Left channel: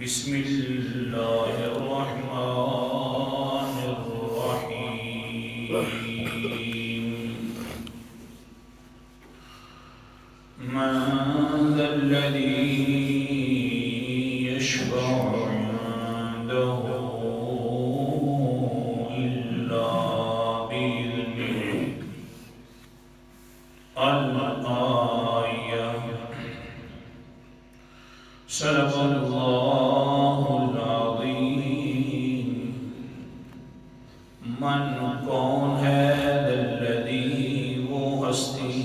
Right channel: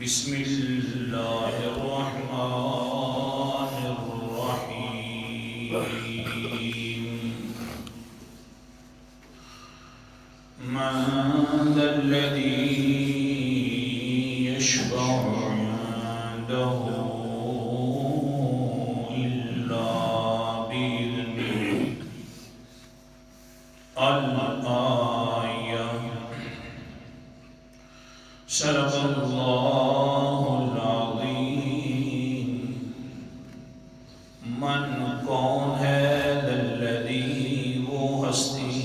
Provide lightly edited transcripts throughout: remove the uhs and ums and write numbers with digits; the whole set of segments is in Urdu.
بسم اللہ الرحمن الرحیم من ذا الذی یشفع عنده إلا بإذنه الآیہ صدق اللہ العظیم من کون ہے الذی وہ ہستی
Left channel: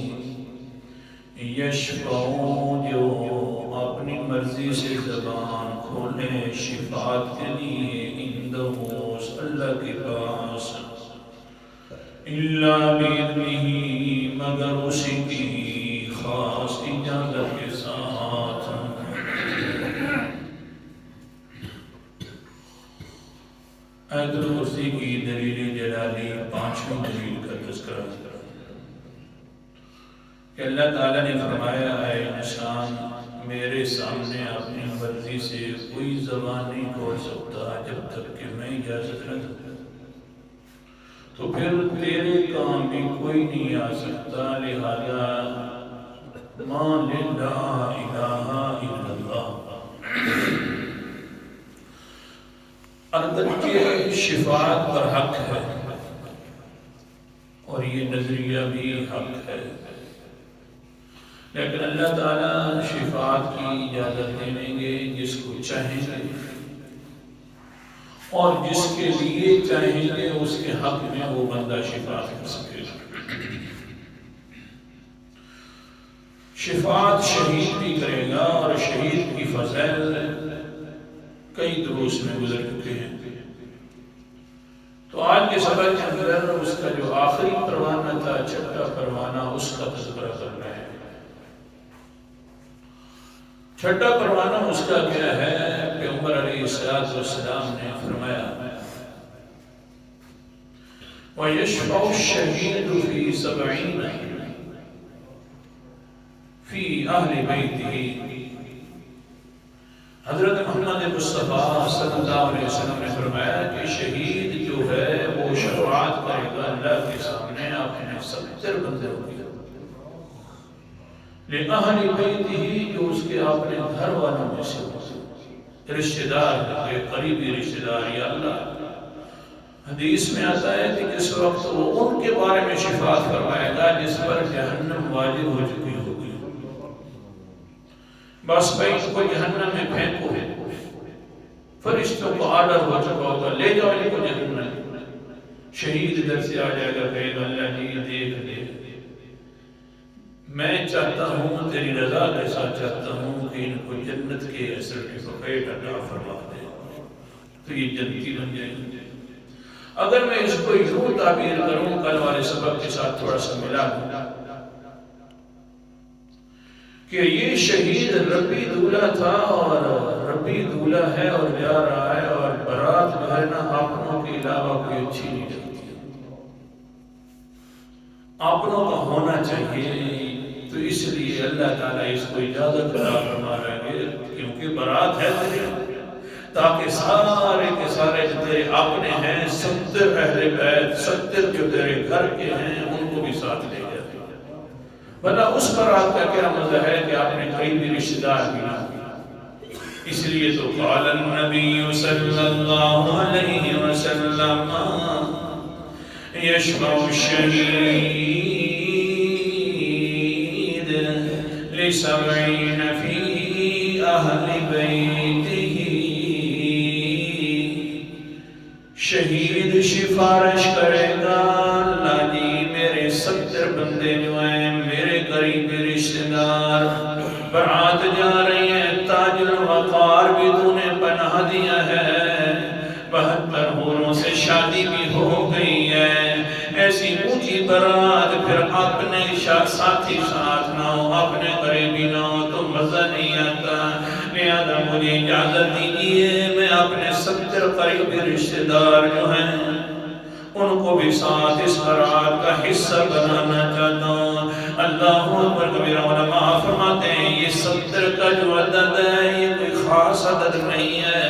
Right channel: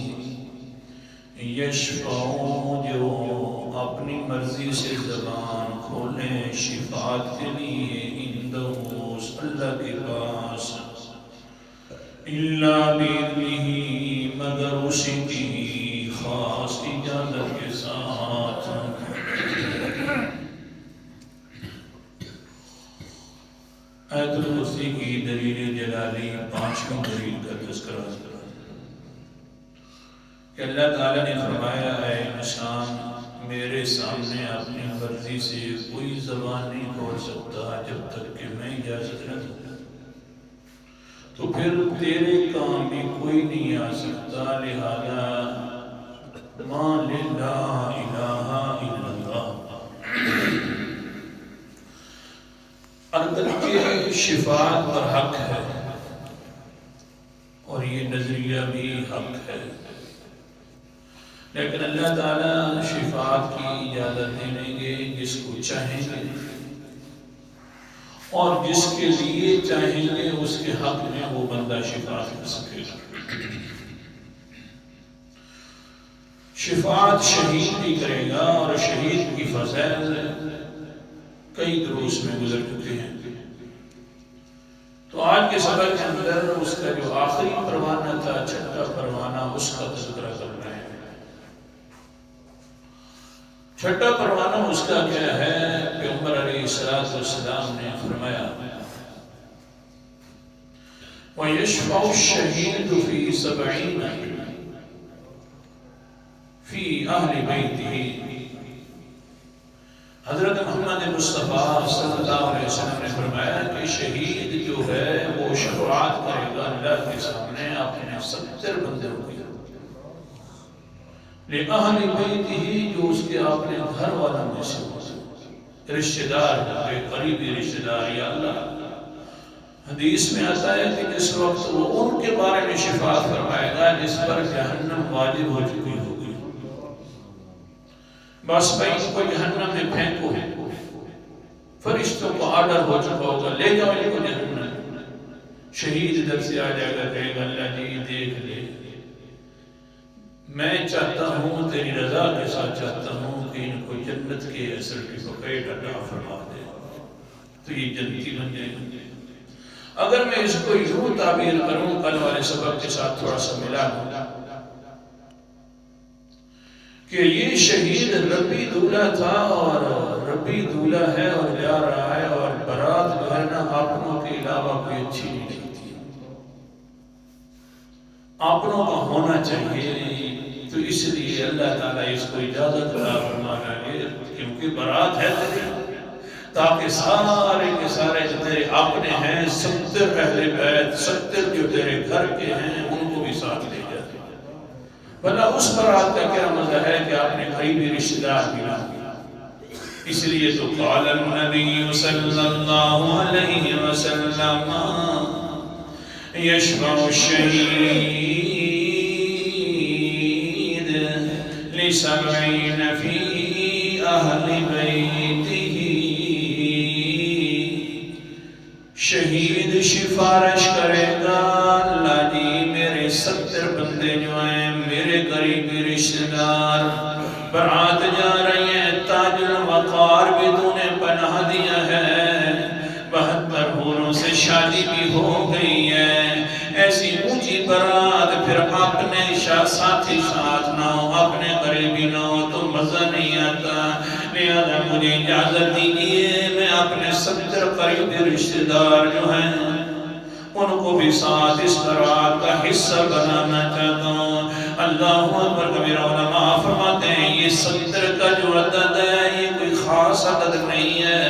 یشفع جو اپنی مرضی سے زبان کھولے شفاعت کے لیے عندہ اللہ کے پاس الا باذنہ مگر اسی کی خاص اجازت کے ساتھ آیت الکرسی کی دلیل جلالی پانچویں دلیل کا تذکرہ کہ اللہ تعالیٰ نے فرمایا اے انسان میرے سامنے اپنی مرضی سے کوئی زبان نہیں کھول سکتا جب تک کہ میں اجازت نہ دوں، تو پھر تیرے کام بھی کوئی نہیں آ سکتا، لہذا ما لا الہ الا اللہ البتہ شفاعت پر حق ہے اور یہ نظریہ بھی حق ہے، لیکن اللہ تعالیٰ شفاعت کی اجازت دے دیں گے جس کو چاہیں گے، اور جس کے لیے چاہیں گے اس کے حق میں وہ بندہ شفاعت کر سکے گا۔ شفاعت شہید بھی کرے گا، اور شہید کی فضائل کئی دروس میں گزر چکے ہیں، تو آج کے سبق کے اندر اس کا جو آخری پروانہ تھا، چھٹا پروانہ، اس کا تذکرہ کرنا ہے۔ چھٹا پروانہ اس کا کیا ہے؟ پیغمبر علیہ السلام نے فرمایا وَيَشْفَعُ الشَّهِيدُ فِي 70 فِي أَهْلِ بَيْتِهِ۔ حضرت محمد مصطفیٰ صلی اللہ علیہ وسلم نے فرمایا کہ شہید جو ہے وہ شفاعت کرے گا اللہ کے سامنے اپنے 70 بندوں کی، لِأَهْلِ بَيْتِهِ جو اس کے اپنے گھر والوں میں سے رشتہ دار، قریبی رشتہ دار۔ یا اللہ، حدیث میں آتا ہے کہ جس وقت وہ ان کے بارے میں شفاعت فرمائے گا جس پر جہنم واجب ہو چکی ہوگی، بس بھائی ان کو جہنم میں پھینکو، فرشتوں کو آرڈر ہو چکا ہوگا لے جاؤ ان کو جہنم۔ شہید ادھر سے آ جائے گا، کہے گا اللہ جی دیکھ لے، میں چاہتا ہوں تیری رضا کے ساتھ چاہتا ہوں کہ ان کو جنت کے سرٹیفکیٹ عطا فرما دے، تو یہ جنتی بن جائیں گے۔ اگر میں اس کو یوں تعبیر کروں، کل والے سبق کے ساتھ تھوڑا سا ملا دوں کہ یہ شہید ربی دولہ تھا، اور ربی دولہ ہے اور جا رہا ہے، اور برات جو ہے نا اپنوں کے علاوہ کوئی اچھی نہیں لگتی، اپنوں کا ہونا چاہیے، تو اس لیے اللہ تعالیٰ اس کو اجازت عطا فرما رہا ہے کیونکہ برات ہے تیری، تاکہ سارے کے سارے جو تیرے اپنے ہیں 70 اہل بیت، 70 جو تیرے گھر کے ہیں ان کو بھی ساتھ لے جاتے، ورنہ اس برات کا کیا مزہ ہے کہ اپنے قریبی رشتہ دار بھی نہ ہو۔ اس لیے تو قال النبی صلی اللہ علیہ وسلم یشفع الشہید ل70 فی اہل بیتہ۔ شہید سفارش کرے گا اللہ جی میرے 70 بندے جو ہیں میرے قریبی رشتہ دار، برات جا رہی ہیں، تاج الوقار بھی تو نے پناہ دیا ہے، 72 حوروں سے شادی بھی ہو گئی ہے، ایسی اونچی برات پھر اپنے ساتھی ساتھ نہ ہو، اپنے قریبی نہ ہو تو مزہ نہیں آتا، لہذا مجھے اجازت دیجیے میں اپنے 70 قریبی رشتہ دار جو ہیں ان کو بھی ساتھ اس برات کا حصہ بنانا چاہتا ہوں۔ اللہ اکبر کبیرہ۔ علماء فرماتے ہیں یہ 70 کا جو عدد ہے یہ کوئی خاص خاص عدد نہیں ہے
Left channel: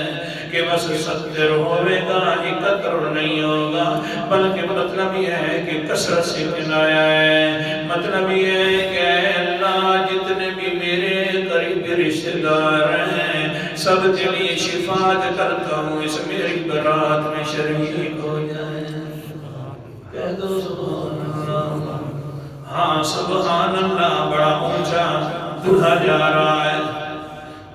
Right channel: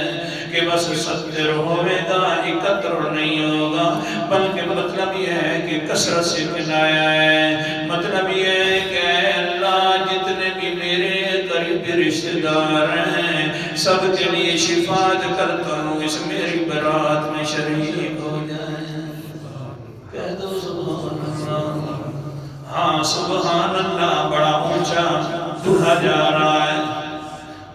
کہ بس 70 ہوئے گا 71 نہیں ہوگا، بلکہ مطلب یہ ہے کہ کثرت سے کنایا ہے۔ مطلب یہ ہے کہ اے اللہ جتنے بھی میرے قریبی رشتہ دار ہیں سب کے لیے شفاعت کرتا ہوں اس میری برات میں شریک ہو جائیں۔ کہہ دو سبحان اللہ۔ ہاں سبحان اللہ بڑا اونچا دہا جا رہا ہے،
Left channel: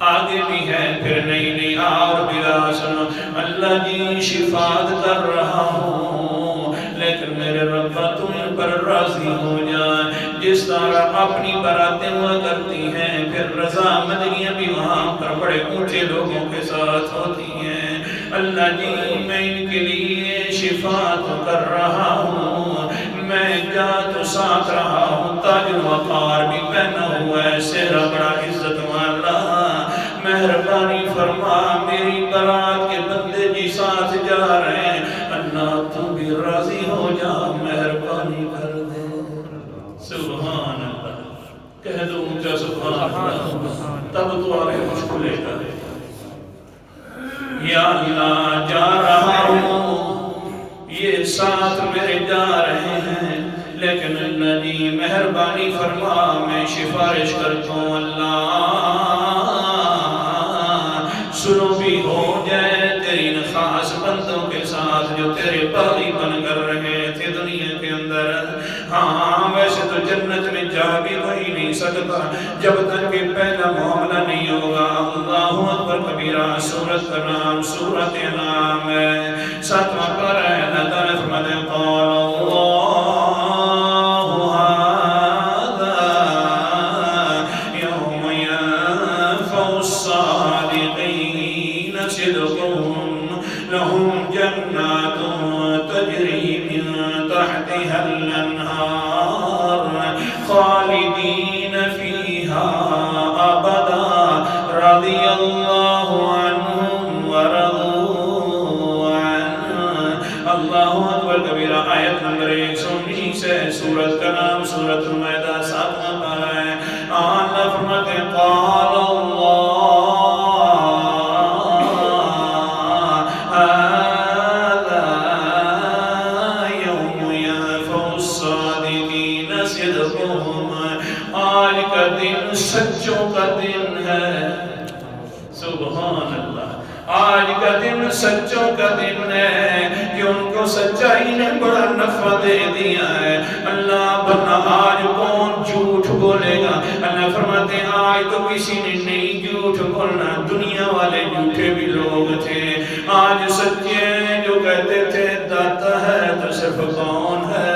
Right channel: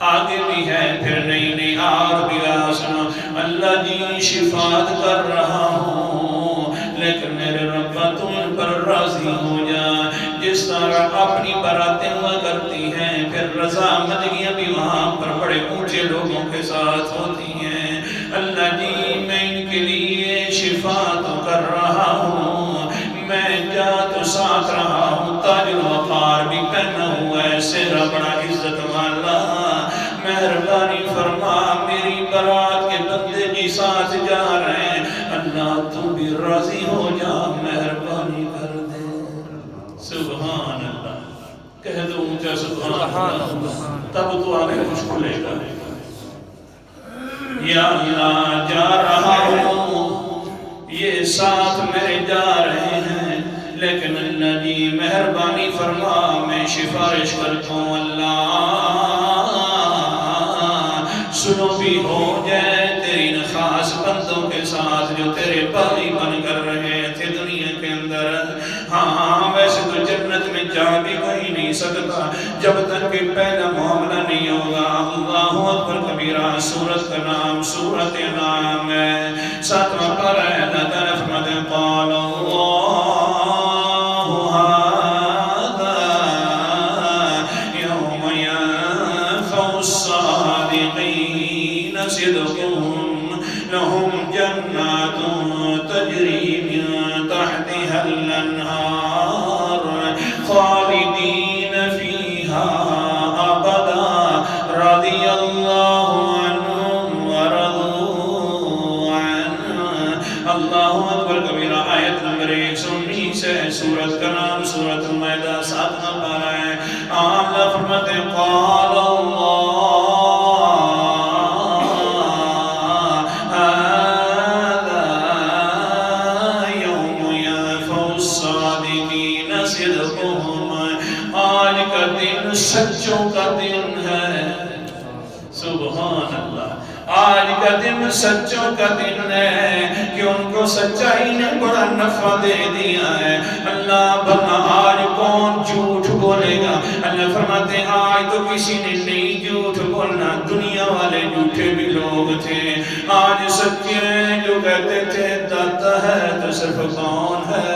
آگے بھی ہے پھر نہیں اور بھی سنو۔ اللہ جی شفاعت کر رہا ہوں لیکن میرے رب تم پر راضی ہو جائے، جس طرح اپنی براتیں ہوا کرتی ہیں پھر رضامندگیاں بھی وہاں پر بڑے اونچے لوگوں کے ساتھ ہوتی ہیں۔ اللہ جی میں ان کے لیے شفاعت کر رہا ہوں، میں جات ساتھ رہا ہوں، تاج وقار بھی پہنا ہوا ہے، سہرا بڑا عزت والا، مہربانی فرما میری برات کے بندے جی ساتھ جا رہے ہیں، اللہ تم بھی راضی ہو جا مہربانی کر دے۔ سبحان اللہ، کہہ دو اونچا سبحان اللہ، تب تو آگے کچھ کھلے گا۔ یا اللہ جا رہا ہوں، یہ ساتھ میرے جا رہے ہیں، لیکن اللہ جی مہربانی فرما میں سفارش کرتا ہوں اللہ سنو بھی ہو جائے تیری ان خاص بندوں کے ساتھ جو تیرے باغی بن کر رہے تھے دنیا کے اندر۔ ہاں ویسے تو جنت میں جا بھی کوئی نہیں سکتا جب تک کہ پہلا معاملہ نہیں ہوگا۔ اللہ اکبر کبیرہ، سورت کا نام سورت انعام ہے، 7واں پارہ ہے۔ اللہ تعالیٰ فرماتے ہیں قال لهم جنات تجري من تحتها الأنهار خالدين فيها أبدا رضي الله عنهم ورضوا عنه۔ اللہ اکبر کبیرہ، آیت نمبر 119 ہے، سورت کا نام سورت المائدہ 7واں پارہ ہے۔ اللہ فرماتے ہیں قال اللہ سچوں کا دن ہے۔ سبحان اللہ، آج کا دن سچوں کا دن ہے کہ ان کو سچائی نے بڑا نفع دے دیا ہے۔ اللہ بنا آج کون جھوٹ بولے گا؟ اللہ فرماتے ہیں آج تو کسی نے نہیں جھوٹ بولنا، دنیا والے جھوٹے بھی لوگ تھے، آج سچے جو کہتے تھے داتا ہے تو صرف کون ہے؟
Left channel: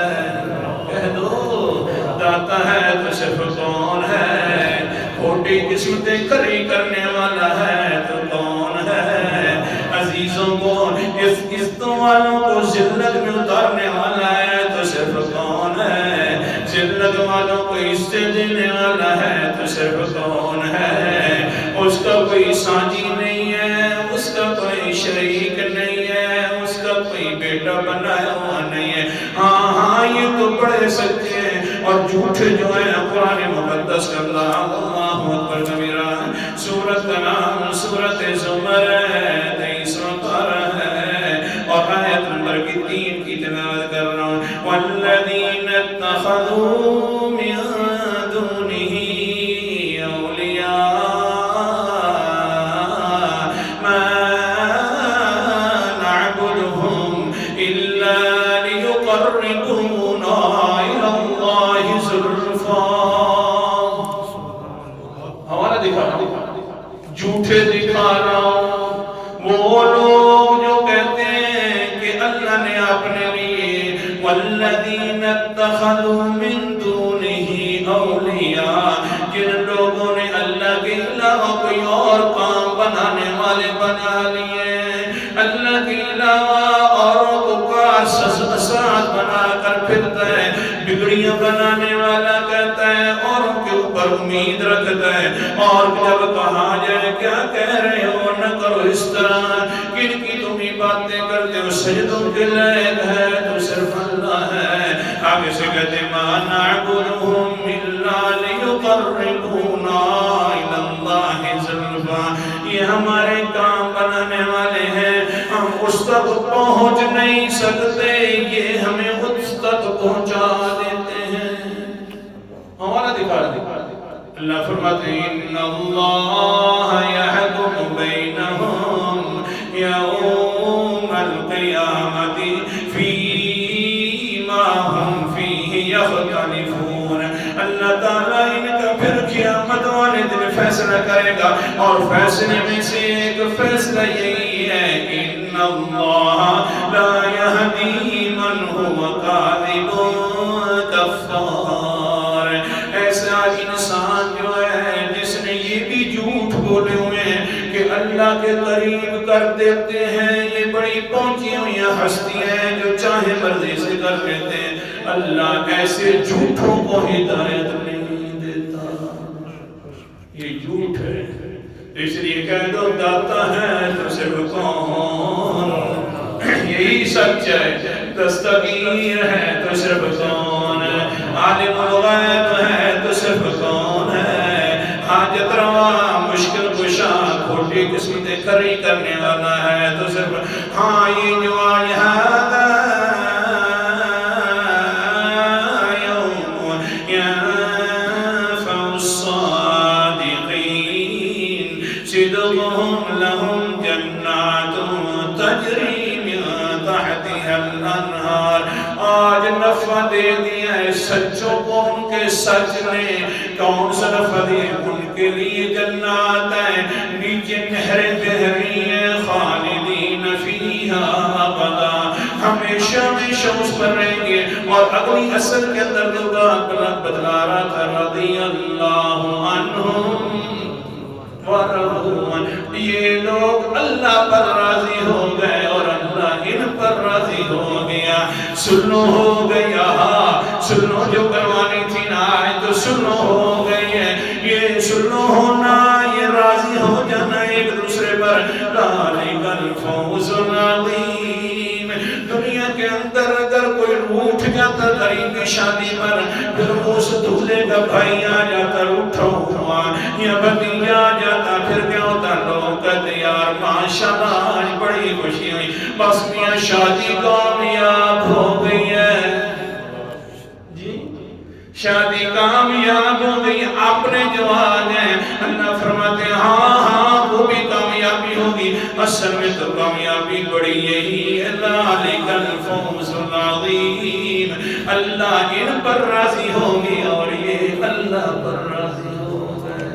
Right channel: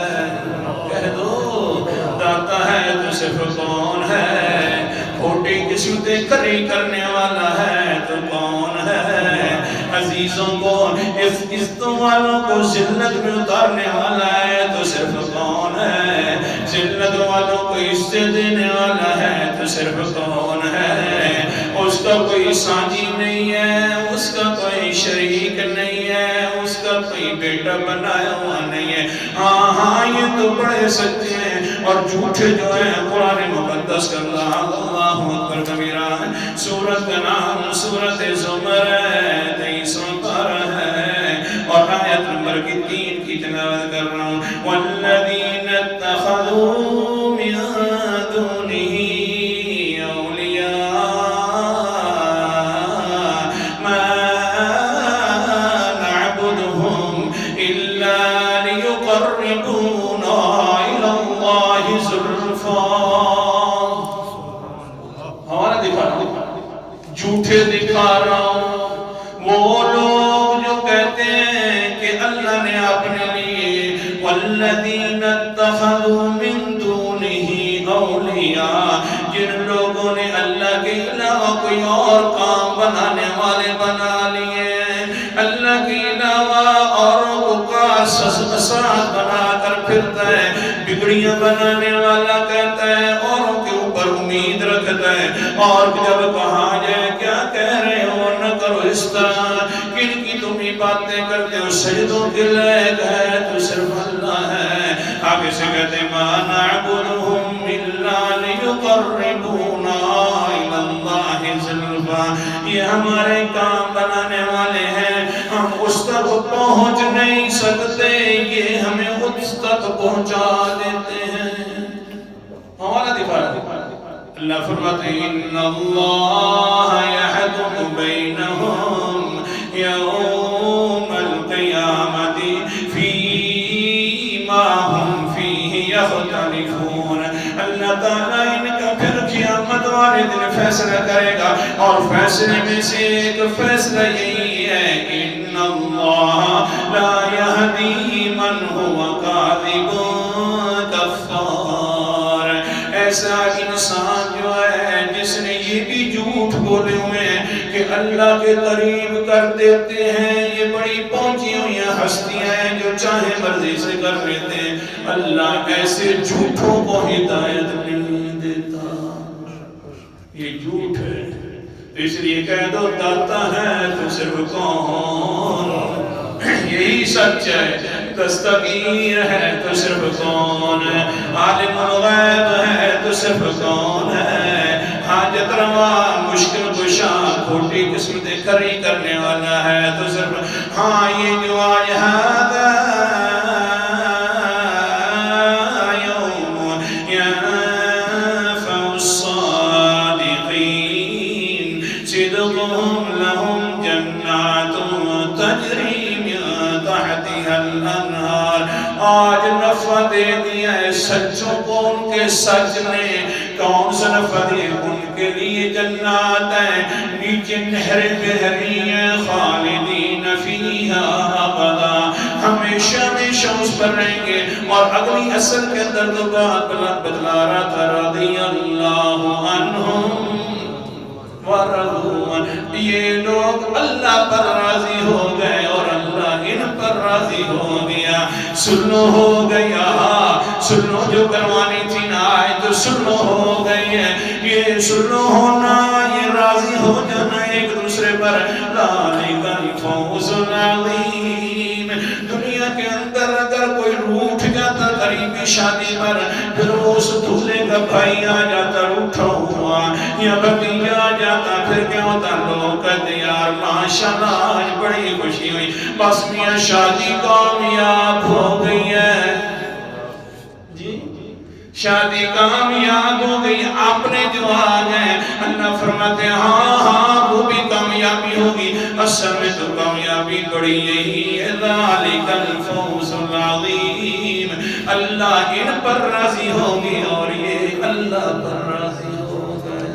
کہہ دو داتا ہے تو صرف کون ہے؟ کھوٹی قسمتیں کھری کرنے والا ہے تو کون ہے؟ عزیزوں کو عزتوں والوں کو ذلت میں اتارنے والا ہے تو صرف کون ہے؟ ذلت والوں کو عزت دینے والا ہے تو صرف کون ہے؟ اس کا کوئی سانجی نہیں ہے، اس کا کوئی شریک نہیں ہے، اس کا کوئی بیٹا بنایا ہوا نہیں ہے۔ ہاں یہ تو بڑے سچے ہیں، اور جھوٹے جو ہیں قرآن مقدس کا اللہ اکبر کبیرہ ہے، سورت کا نام سورت زمر ہے، 23واں پارہ ہے، اور آیت نمبر 3 کی تلاوت کر رہا ہوں۔ والذین اتخذوا من دونه اولیاء ما نعبدهم الا لیقربونا الی اللہ زلفا۔ ہمارا دکھا رہا ہوں، جھوٹے دکھا رہا ہوں، وہ لوگ جو کہتے ہیں کہ اللہ نے اپنے لیے والذین اتخذوا من دونه اولیاء، جن لوگوں نے اللہ کے علاوہ کوئی اور کام بنانے والے بنا لیے، اللہ کے علاوہ اوروں کو ساتھ بنا کر پھرتا ہے، بگڑیاں بنانے والا کہتا ہے، اوروں کے اوپر امید رکھتا ہے، اور جب کہا جائے کیا کہہ رہے ہو نہ کرو اس طرح، کن کی تم ہی باتیں کرتے ہو، سجدوں کے لائق ہے تو صرف اللہ ہے۔ آگے سے کہتے ہیں ما نعبدهم الا لیقربونا الی اللہ زلفا، یہ ہمارے کام بنانے والے ہیں، ہم اس تک پہنچ نہیں سکتے، یہ ہمیں اس تک پہنچا دیتے ہیں۔ حوالہ دکھا رہا اللہ فرماتے ہیں ان اللہ یحکم بینہم یوم القیامت فیما ہم فیہ یختلفون۔ اللہ تعالیٰ ان کا پھر قیامت والے دن فیصلہ کرے گا، اور فیصلے میں سے ایک فیصلہ یہی ہے ان اللہ لا یہدی من هو کاذب کفار۔ ایسا انسان جو ہے جس نے یہ بھی جھوٹ بولے ہوئے ہیں کہ اللہ کے قریب کر دیتے ہیں، یہ بڑی پہنچی ہوئی ہستی ہے جو چاہے مرضی سے کر لیتے ہیں، اللہ ایسے جھوٹوں کو ہدایت نہیں دیتا، یہ جھوٹ ہے۔ اس لیے کہہ دو داتا ہے تو صرف کون، یہی سچ ہے، دستگیر ہے تو صرف کون، عالم الغیب ہے تو صرف کون ہے، حاجت روا مشکل کشا کھوٹی قسمت کھری کرنے والا ہے تو صرف ہاں یہ جو آج ہذا یوم ینفع الصادقین صدقهم لهم جنات تجری من تحتها الانہار۔ آج نفع دے دیا ہے سچوں کو ان کے سچ نے، کون سا نفع دے؟ ان کے لیے جنات ہیں، نیچے نہریں بہ رہی ہیں، خالدین فیہا ابدا، ہمیشہ ہمیشہ اس پر رہیں گے۔ اور اگلی اصل کے اندر تو بات بتلا رہا تھا رضی اللہ عنہم ورضوا عنہ، یہ لوگ اللہ پر راضی ہو گئے اور اللہ ان پر راضی ہو گیا۔ سنو ہو گیا، سنو جو کروانی تھی نا آئے تو سنو ہو گئی ہے، یہ سنو ہونا، یہ راضی ہو جانا ایک دوسرے پر، ذالک الفوز العظیم۔ دنیا کے اندر اگر کوئی روٹھ جاتا قریبی شادی پر، پھر اس دولے کا بھائی آ جاتا روٹھا ہوا، یا بھتیجا آ جاتا، پھر کیا ہوتا؟ لوگ کہتے یار ماشاءاللہ آج بڑی خوشی ہوئی، بس میاں شادی کامیاب ہو گئی ہے، جی شادی کامیاب ہو گئی۔ اپنے جو آ گئے اللہ فرماتے ہیں ہاں ہاں وہ بھی کامیابی ہوگی، اصل میں تو کامیابی بڑی یہی ہے، ذالک الفوز العظیم، اللہ ان پر راضی ہوگی اور یہ اللہ پر راضی ہو گئے۔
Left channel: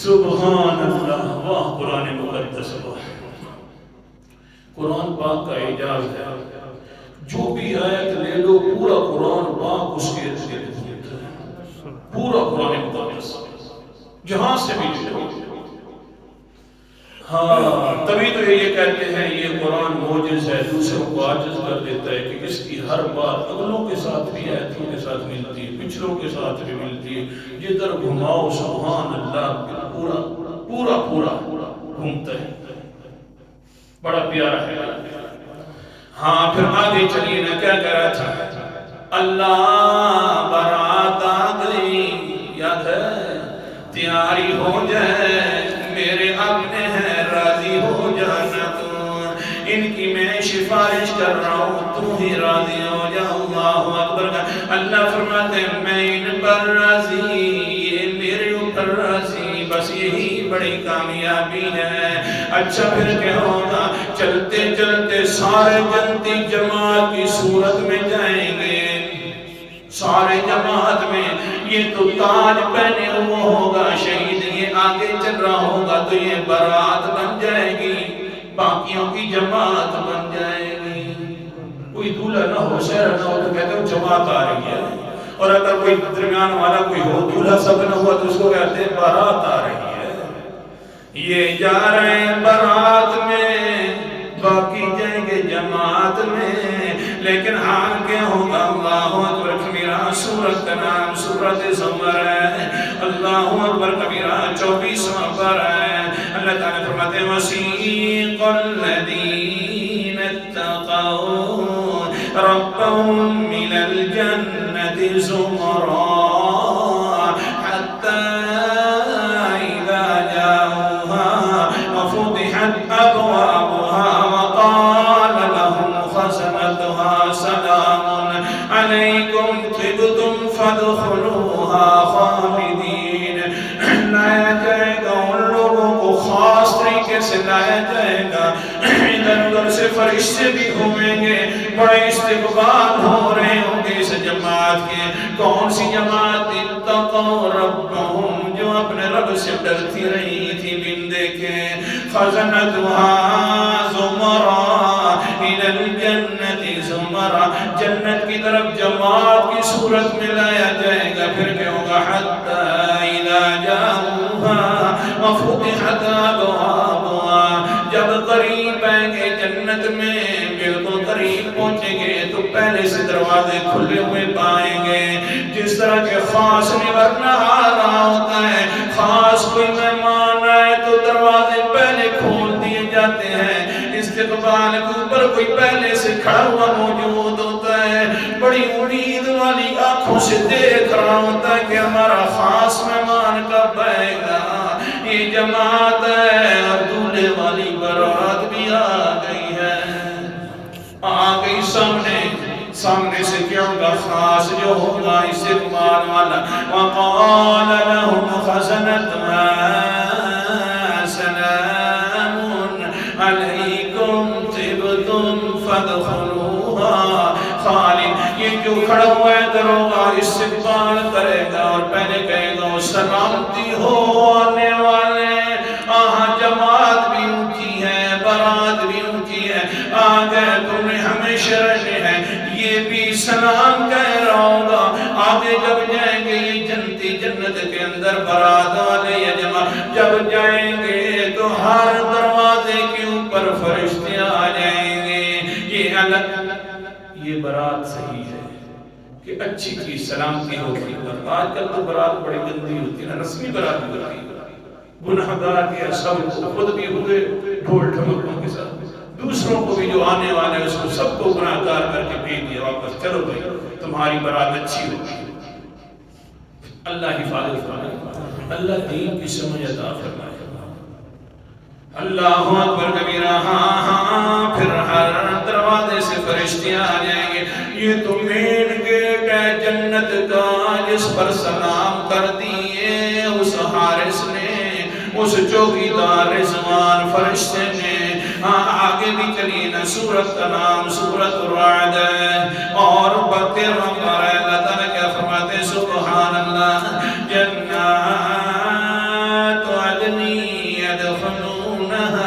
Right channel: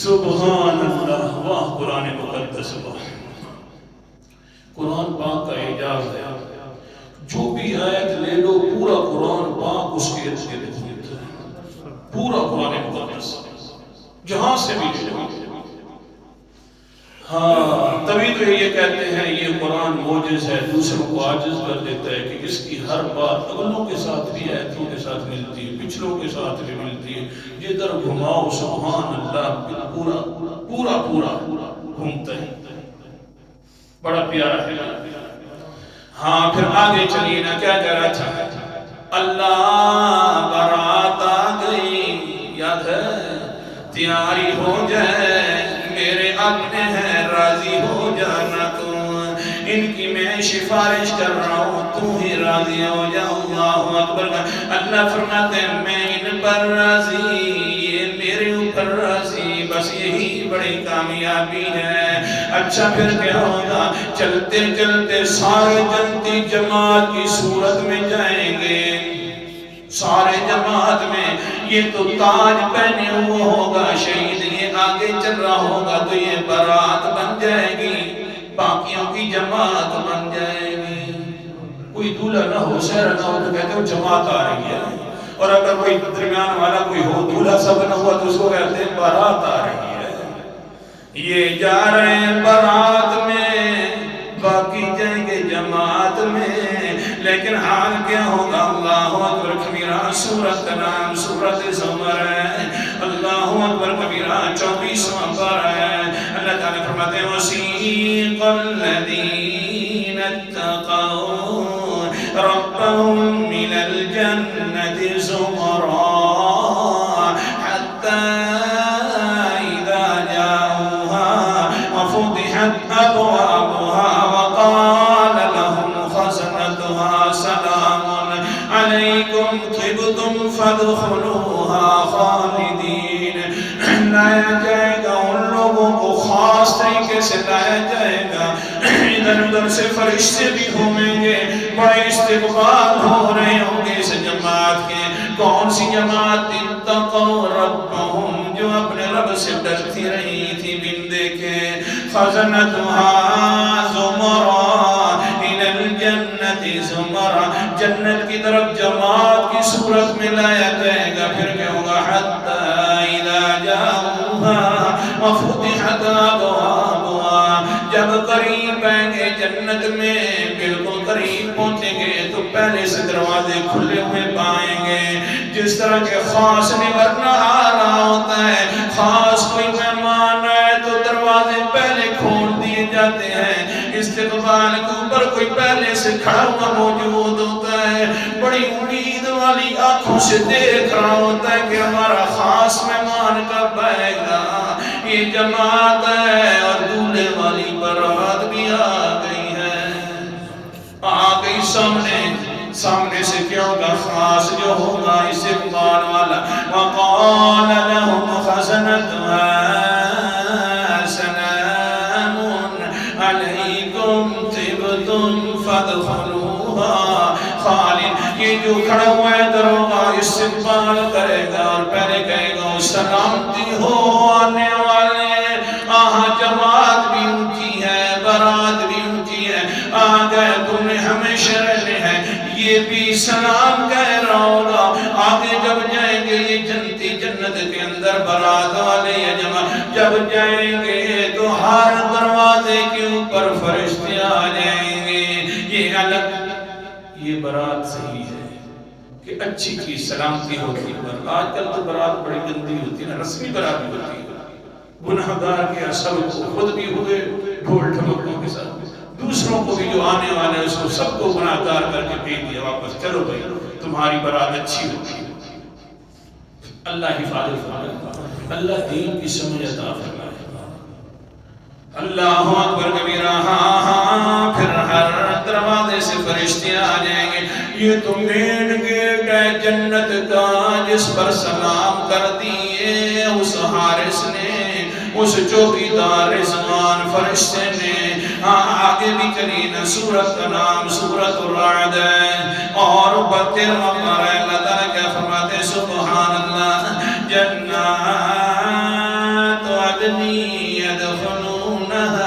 سبحان اللہ، واہ قرآن مقدس، واہ قرآن پاک کا اعجاز ہے، جو بھی آیت لے لو پورا قرآن پاک اس کے ارد گرد ہے، پورا قرآن مقدس جہاں سے بھی لے لو۔ ہاں تبھی تو یہ کہتے ہیں یہ قرآن موجز ہے، دوسروں کو عاجز کر دیتا ہے کہ اس کی ہر بات اگلوں کے ساتھ بھی آیتوں کے ساتھ ملتی ہے، پچھلوں کے ساتھ بھی ملتی ہے، جدھر گھماؤ سبحان اللہ پورا پورا پورا گھومتا ہے، بڑا پیارا ہے۔ ہاں پھر آگے چلیے نا، کیا کہہ رہا تھا؟ اللہ برات آ گئی، یاد ہے؟ تیاری ہو جائے میرے اپنے ہیں، راضی ہو جانا تو، ان کی میں سفارش کر رہا ہوں، تو ہی راضی ہو جا۔ اللہ اکبر کا اللہ فرماتے ہیں میں ان پر راضی، یہ میرے اوپر راضی، بس یہی بڑی کامیابی ہے۔ اچھا پھر کیا ہوگا؟ چلتے چلتے سارے جنتی جماعت کی صورت میں جائیں گے، سارے جماعت میں، یہ تو تاج پہنے ہوا ہوگا شہید، یہ آگے چل رہا ہوگا تو یہ برات بن جائے گی، باقیوں کی جماعت بن جائے گی۔ کوئی دولہا نہ ہو، شہر نہ ہو تو کہتے ہیں جماعت آ رہی ہے، اور اگر کوئی درمیان والا کوئی ہو، دولہا سب نہ ہوا تو اس کو کہتے ہیں برات آ رہی ہے۔ یہ جا رہے ہیں برات میں، باقی جائیں گے جماعت میں، لیکن حال کیا ہوگا؟ اللہ اکبر کبیرہ، سورت کا نام سورت زمر ہے، اللہ اکبر کبیرہ 24واں پارہ ہے۔ اللہ تعالیٰ فرماتے ہیں وَسِیقَ الَّذِینَ اتَّقَوْا رَبَّهُمْ مِنَ الْجَنَّةِ زُمَرًا حَتَّى إِذَا جَاءُوا لایا جائے گا، ان لوگوں کو خاص طریقے سے لایا جائے گا، ادھر ادھر سے فرشتے بھی ہوئیں گے، بڑے استقبال ہو رہے ہوں گے اس جماعت کے۔ کون سی جماعت؟ اتقوا ربهم، جو اپنے رب سے ڈرتی رہی تھی بن دیکھے۔ خزنتها زمرا الى الجنت زمرا، جنت کی طرف جماعت کی صورت میں لایا جائے گا۔ پھر کیا ہوگا؟ حتی اذا جاؤها وفتحت ابوابها، جب قریب آئیں گے جنت میں، بالکل قریب پہنچیں گے تو پہلے سے دروازے کھلے ہوئے پائیں گے۔ جس طرح کے خاص نگرنا آ رہا ہوتا ہے، خاص کوئی مہمان آئے تو دروازے پہلے کھول دیے جاتے ہیں، استقبال کے اوپر کوئی پہلے سے کھڑا ہوا موجود ہوتا ہے، بڑی امید والی آنکھوں سے دیکھ رہا ہوتا ہے کہ ہمارا خاص مہمان کب آئے گا۔ یہ جماعت ہے اور دولے والی بارات بھی آ گئی ہے، آ گئی سامنے سے کیا ہوگا؟ خاص جو ہوگا استقبال والا۔ وقال لهم خزنتها سلام علیکم طبتم فادخلوها خالد، یہ جو کھڑا ہوا ہے دروگا استقبال کرے گا اور پہلے کہے گا سلامتی ہو آنے والے۔ جماعت بھی اونچی ہے، بارات بھی اونچی ہے، آگے تم نے ہمیشہ رہنے ہیں، یہ بھی سلام کہہ رہا ہوگا۔ آگے جب جائیں گے یہ جنت کے اندر بارات والے یا جماعت جب جائیں گے تو ہر دروازے کے اوپر فرشتے آ جائیں گے۔ یہ الگ، یہ بارات صحیح ہے کہ اچھی چیز سلامتی ہوتی ہے، پر آج کل تو بارات بڑی گندی ہوتی ہے، رسمی بارات بھی ہوتی ہے، گناہگار کے سب کو، خود بھی ہوئے ڈھول ڈھمکوں کے ساتھ، دوسروں کو بھی جو آنے والا ہے اس کو سب کو گناہگار کر کے بھیج دیا واپس، چلو بھائی تمہاری بارات اچھی ہوتی ہے۔ اللہ حفاظت فرمائے، اللہ دین کی سمجھ عطا فرمائے۔ اللہ اکبر کبیرہ۔ ہاں پھر ہر دروازے سے فرشتے آ جائیں گے۔ یہ تو مین گیٹ ہے جنت کا، جس پر سلام کر دیے اس حارس نے، اس چوکیدار رضوان فرشتے نے۔ آگے بھی چلی نا، سورت کا نام سورت الرعد ہے اور 32واں پارہ ہے۔ اللہ تعالیٰ کیا فرماتے ہیں؟ سبحان اللہ، جنات عدن يدخلونها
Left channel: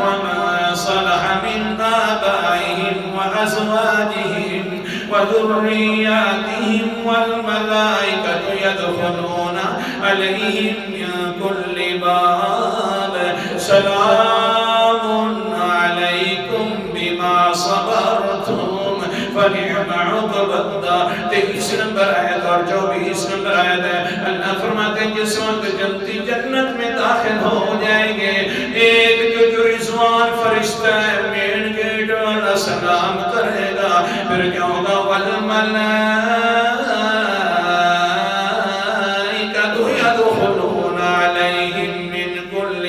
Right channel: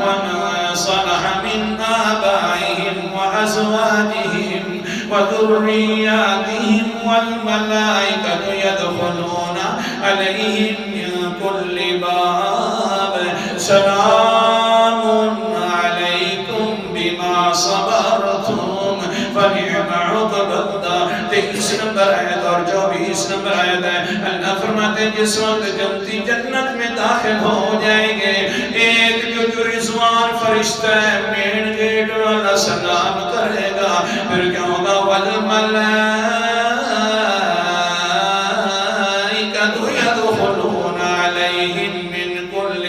وما صلح من آبائهم وأزواجهم وذرياتهم والملائكة يدخلون عليهم من كل باب سلام عليكم بما صبرتم فنعم عقبى الدار۔ 23 نمبر آیت اور 24 نمبر آیت ہے۔ اللہ فرماتے ہیں جس وقت جنتی جنت میں داخل ہو جائیں گے، ایک جو رضوان فرشتہ ہے مین گیٹ والا سلام کرے گا، پھر کیا ہوگا؟ يدخلون عليهم من كل،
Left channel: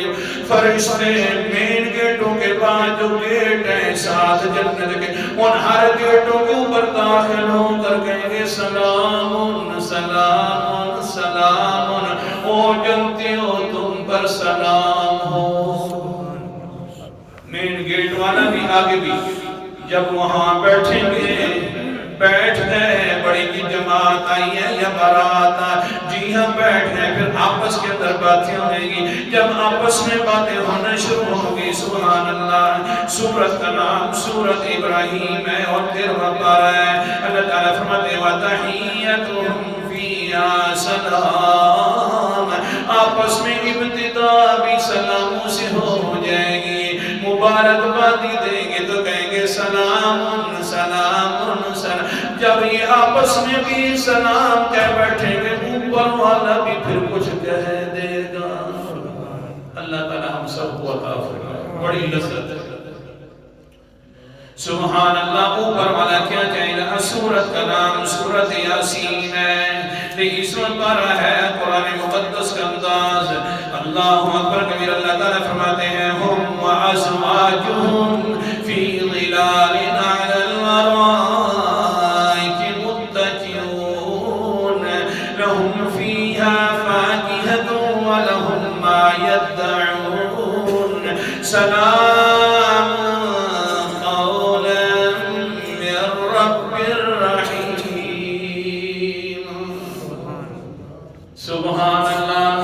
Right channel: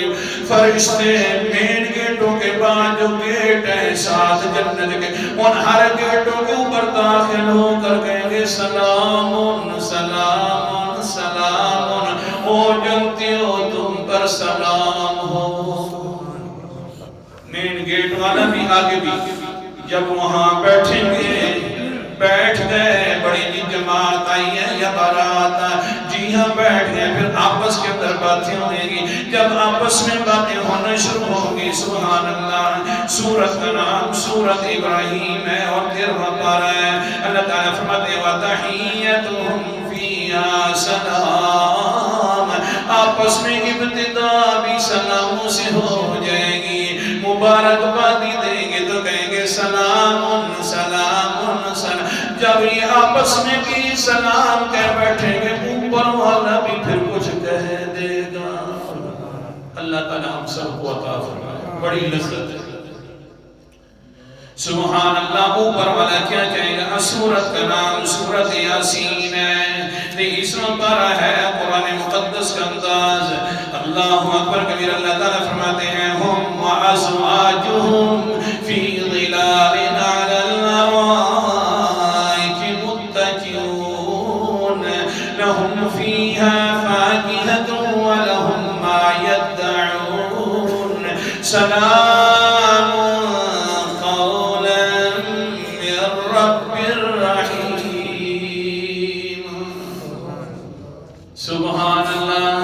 فرشتے مین گیٹوں کے بعد جو گیٹ ہیں 7 جنت کے، ان ہر گیٹوں کے اوپر داخل ہو کر کہیں گے سلام سلام سلام، او جنتیوں تم پر سلام ہو۔ مین گیٹ والا بھی آگے بھی جب وہاں بیٹھیں گے، بیٹھ گئے، بڑی جی جماعت آئی ہے یا بارات آئی، جی ہاں بیٹھ گئے، پھر آپس کے اندر باتیں ہوئیں گی۔ جب آپس میں باتیں ہونا شروع ہوگی، سبحان اللہ، سورت کا نام سورت ابراہیم ہے اور 13واں پارہ ہے۔ اللہ تعالیٰ فرماتے ہیں وَتَحِيَّتُهُمْ فِيهَا سَلَامٌ، آپس میں ابتدا بھی سلاموں سے ہو جائے گی، مبارکبادی دیں گے تو کہیں گے سلام سلام سلام۔ جب یہ آپس میں بھی سلام کہہ بیٹھیں گے، اوپر والا بھی پھر کچھ کہہ دے گا۔ اللہ تعالی ہم سب کو عطا فرمائے، بڑی لذت ہے۔ سبحان اللہ، اوپر والا کیا کہے گا؟ سورت کا نام سورت یاسین ہے، 23واں پارہ ہے، قرآن مقدس کا انداز۔ اللہ اکبر کبیر۔ اللہ تعالیٰ فرماتے ہیں ہم وازواجہم فی ظلال علی الارائک متکئون لہم فیہا فاکہۃ ولهم ما يدعون سلام قولا من رب رحیم. سبحان اللہ.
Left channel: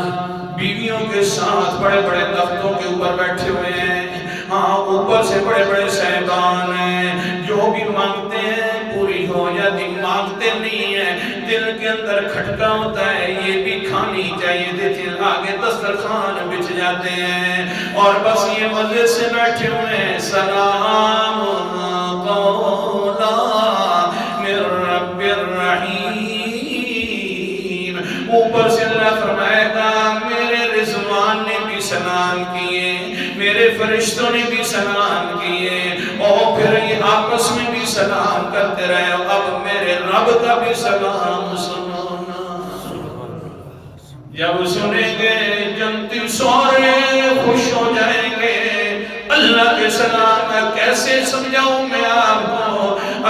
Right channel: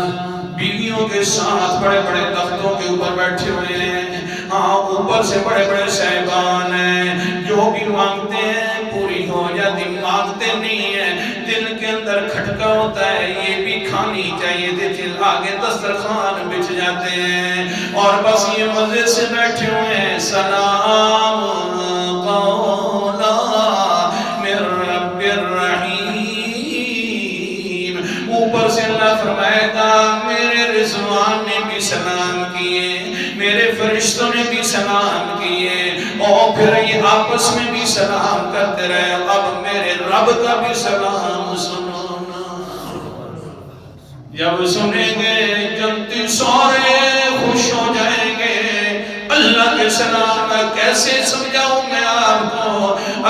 بیویوں کے ساتھ بڑے بڑے تختوں کے اوپر بیٹھے ہوئے ہیں. ہاں اوپر سے بڑے بڑے صاحبان ہیں. جو بھی مانگتے ہیں پوری ہو جاتی, مانگتے نہیں ہیں, دل کے اندر کھٹکا ہوتا ہے یہ بھی کھانی چاہیے تھی, دل آگے دسترخوان بچھ جاتے ہیں اور بس یہ مزے سے بیٹھے ہوئے ہیں. سلام قولا من رب الرحیم. اوپر سے اللہ فرمائے گا میرے رضوان نے بھی سلام کیے, میرے فرشتوں نے بھی سلام کیے, اور پھر یہ آپس میں بھی سلام کرتے رہے. اب میرے رب کا بھی سلام سنو نا. جب سنیں گے جنتی سارے خوش ہو جائیں گے. اللہ کے سلام کیسے سمجھاؤں میں آپ کو؟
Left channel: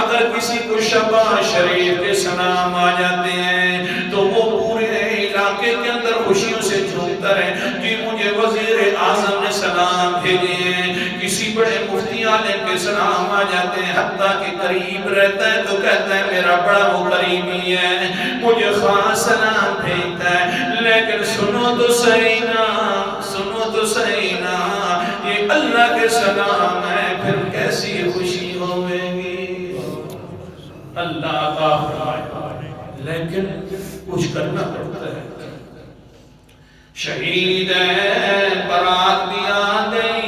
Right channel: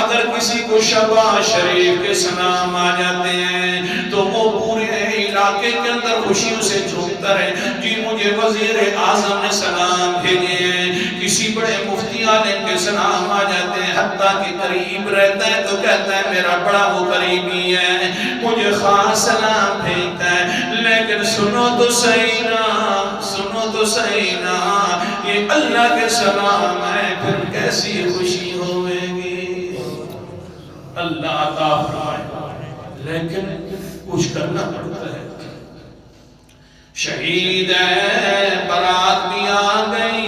اگر کسی کو شہباز شریف کے سلام آ جاتے ہیں تو وہ پورے علاقے کے اندر خوشیوں سے جھومتا رہے, جی مجھے وزیر اعظم نے سلام بھیجے ہیں. کسی بڑے مفتی عالم کے سلام آ جاتے ہیں, حتیٰ کہ قریب رہتا ہے تو کہتا ہے میرا بڑا وہ قریبی ہے مجھے خاص سلام بھیجتا ہے. لیکن سنو تو صحیح نا, سنو تو صحیح نا, یہ اللہ کے سلام ہے, پھر کیسی خوشی ہوئے گی. اللہ عطا فرمائے, لیکن کچھ کرنا پڑتا ہے. شہید ہے, برات بھی آ گئی,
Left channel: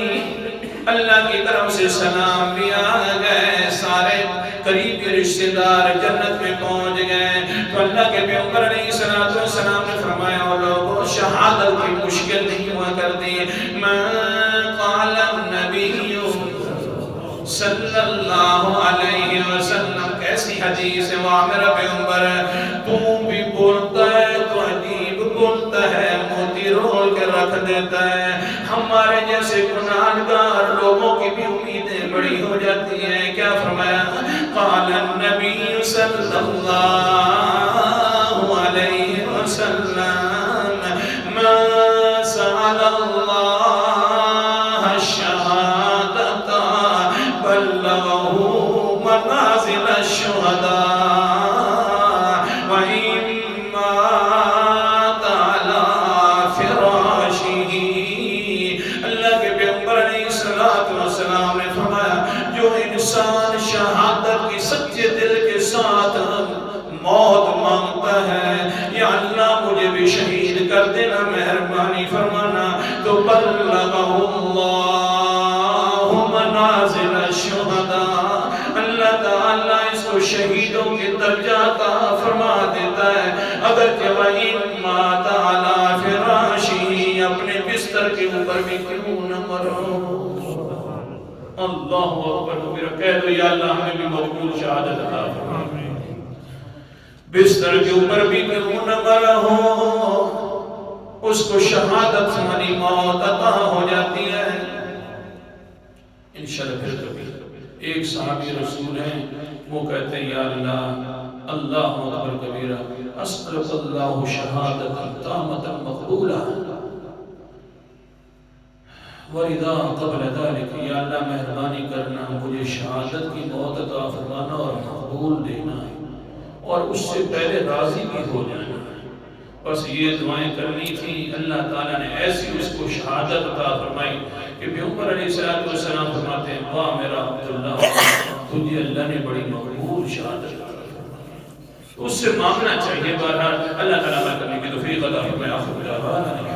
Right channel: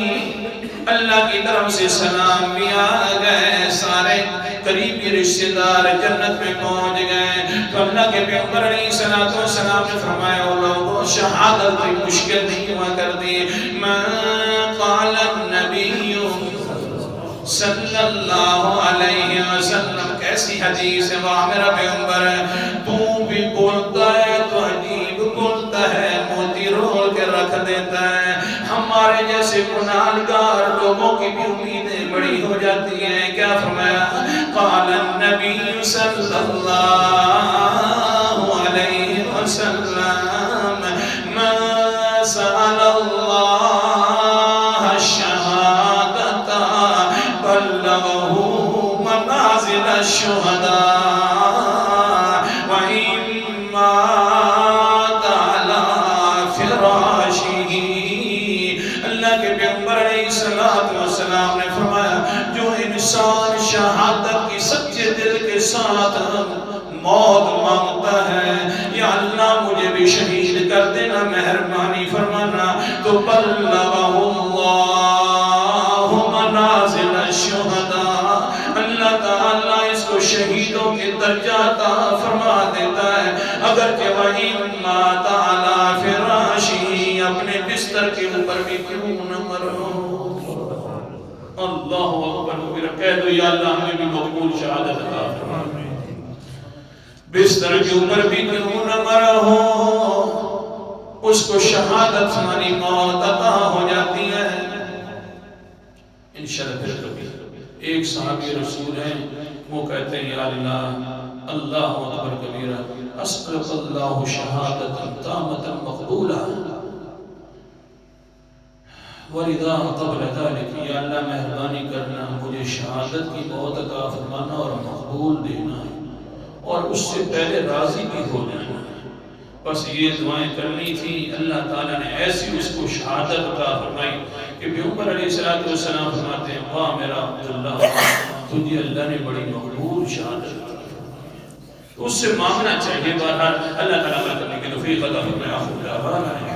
اللہ کی طرف سے سلام بھی آ گئے, سارے قریبی رشتہ دار جنت میں پہنچ گئے. تو اللہ کے پیغمبر علیہ السلام نے فرمایا اور لوگوں شہادت کی مشکل نہیں ہوا کرتی. میں قال النبی صلی اللہ علیہ وسلم, کیسی حدیث ہے واہ میرا پیغمبر, تو بھی بولتا ہے تو عجیب بولتا ہے, موتی رول کے رکھ دیتا ہے. ہمارے جیسے گناہگار لوگوں کی بھی امیدیں بڑی ہو جاتی ہیں. کیا فرمایا؟ قال النبی صلی اللہ علیہ وسلم من سأل اللہ الشہادت بلغه منازل الشہداء وإن مات على فراشہ. اللہ کے پیغمبر علیہ السلام نے فرمایا جو انسان شہادت کی سچے دل کے ساتھ موت مانگتا ہے, یا اللہ مجھے بھی شہید کر دینا, مہربانی فرمانا, تو بلغه اللہ منازل الشہداء, اللہ تعالیٰ اس کو شہیدوں کے درجات فرما دیتا ہے. اگرچہ وَإِن مَاتَ عَلَى فِرَاشِهِ, اپنے بستر کے اوپر بھی کیوں نہ مرو. اللہ اکبر کبیرہ. کہہ دو یا اللہ ہمیں بھی مقبول شہادت عطا فرما. بستر کے اوپر بھی کیوں نہ مرو, اس کو شہادت والی موت عطا ہو جاتی ہے. انشاءاللہ پھر کبھی ایک صحابی رسول ہیں, وہ کہتے ہیں یا اللہ اللہ اکبر کبیرہ اسألک اللہ شہادت تامت مقبولہ وَلِذَا قَبْلَ ذَلِكَ, یا اللہ مہربانی کرنا مجھے شہادت کی موت عطا فرمانا اور مقبول دینا ہے, اور اس سے پہلے راضی بھی ہو جانا ہے. بس یہ دعائیں کرنی تھی. اللہ تعالیٰ نے ایسی اس کو شہادت عطا فرمائی کہ پیغمبر علیہ السلام فرماتے ہیں واہ میرا عبداللہ, تجھے اللہ نے بڑی مقبول شہادت عطا فرمائی. تو اس سے مانگنا چاہیے. بہرحال اللہ تعالیٰ عمل کرنے کی توفیق عطا فرمائے. آخر دعوانا